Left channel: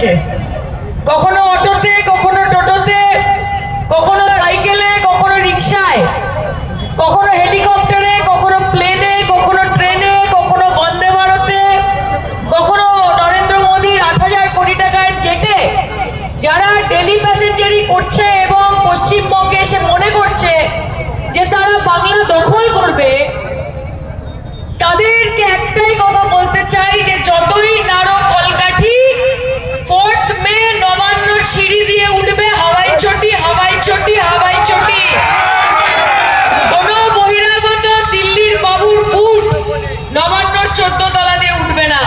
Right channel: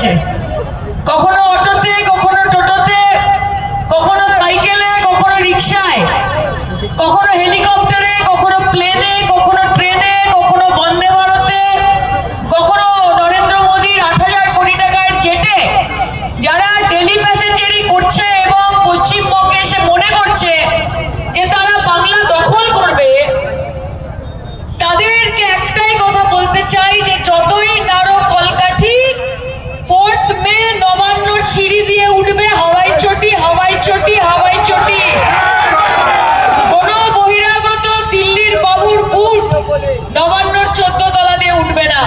করেছে, কখনো অটোতে, কখনো টোটোতে, কখনো সাইকেলে, কখনো রিক্সায়, কখনো হেলিকপ্টারে, কখনো প্লেনে, কখনো ট্রেনে, কখনো বন্দে ভারতে, কখনো নরেন্দ্র মোদীর 8,000 কোটি টাকার জেটে যারা ডেলি প্যাসেঞ্জারি করছে এবং পশ্চিমবঙ্গে এসে মনে করছে যে তারা বাংলা দখল করবে, তাদেরকে একটাই কথা বলতে চাই যে যতই নাড়ো কলকাঠি, 4th মে নবান্নর সিঁড়ি দিয়ে উঠবে হাওয়াই চটি, হাওয়াই চটি, হাওয়াই চটি। কোনো বহিরাগত দিল্লির বাবুর বুট নবান্নর 14 তলা দিয়ে উঠবে না।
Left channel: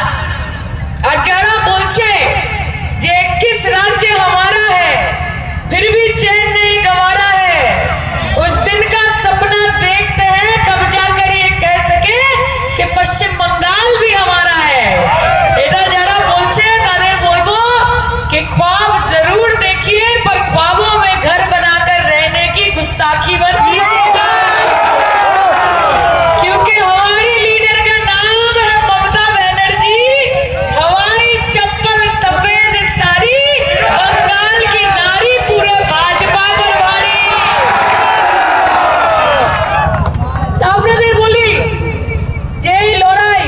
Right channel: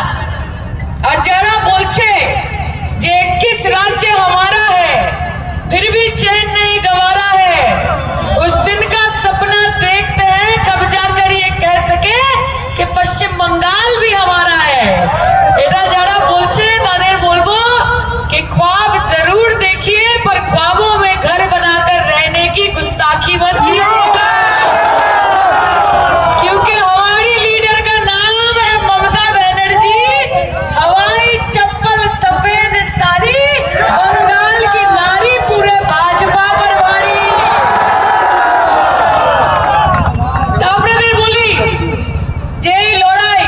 আর যারা বলছে যে 21 राज्य हमारा है फिर भी चैन नहीं गंवारा है, उस दिन का सपना देखते हैं कब जाकर ये कह सके कि पश्चिम बंगाल भी हमारा है। এটা যারা বলছে তাদের বলবো कि ख्वाब जरूर देखिए पर ख्वाबों में घर बनाकर रहने की गुस्ताखी मत कीजिएगा, क्योंकि हमारी लीडर का नाम है ममता बनर्जी। हवाई चप्पल सफेद साड़ी, बंगाल की नारी पूरा भाजपा पर भारी। আপনাদের বলি যে এই লড়াই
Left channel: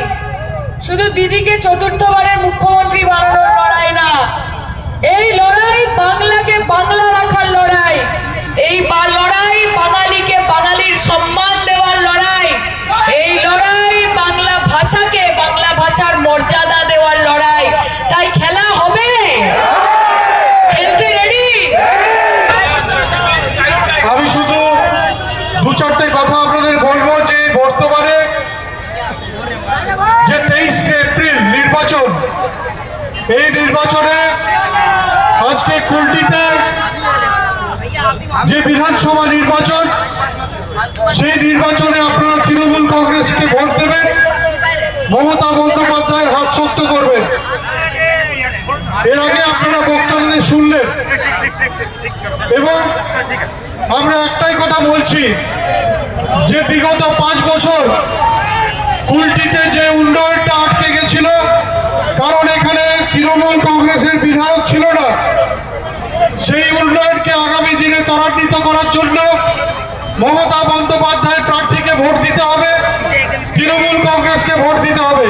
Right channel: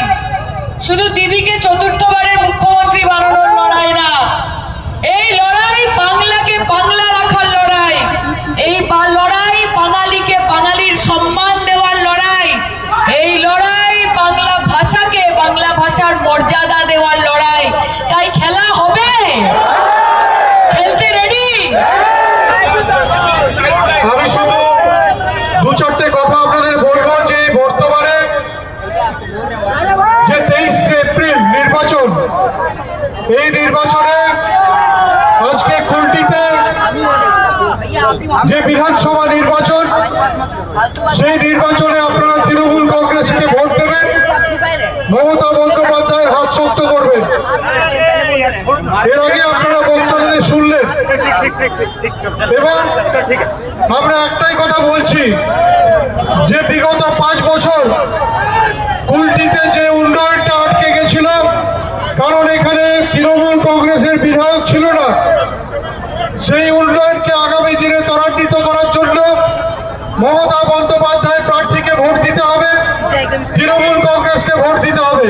শুধু দিদিকে চতুর্থবারের মুখ্যমন্ত্রী বানানোর লড়াই না, এই লড়াই বাংলাকে বাংলা রাখার লড়াই, এই লড়াই বাঙালিকে বাঙালির সম্মান দেওয়ার লড়াই, এই লড়াই বাংলা ভাষাকে বাংলা ভাষার মর্যাদা দেওয়ার লড়াই। তাই খেলা হবে, খেলতে রেডি? আমি শুধু দু চারটে কথা আপনাদের বলবো যে বর্তমানে যে 23 এপ্রিল নির্বাচন, এই নির্বাচনে আজকে কুলটিতে যে বিধানসভা নির্বাচন, সেই নির্বাচনে আপনারা তৃণমূল কংগ্রেসকে ভোট দেবেন, মমতা বন্দ্যোপাধ্যায়ের হাত শক্ত করবেন। এর আগে আপনারা বক্তব্য শুনলেন এবং আমরা একটাই কথা বলছি যে বিগত 5 বছর কুলটিতে যে উন্নয়নটা আটকে গেছিল, কারণ এখানে তৃণমূল কংগ্রেসের বিধায়ক ছিল না, সেই উন্নয়নকে আগামী দিনে ত্বরান্বিত করার জন্য মমতা বন্দ্যোপাধ্যায় প্রার্থীকে ভোট দিতে হবে, তৃণমূল কংগ্রেসকে ভোট দিতে হবে।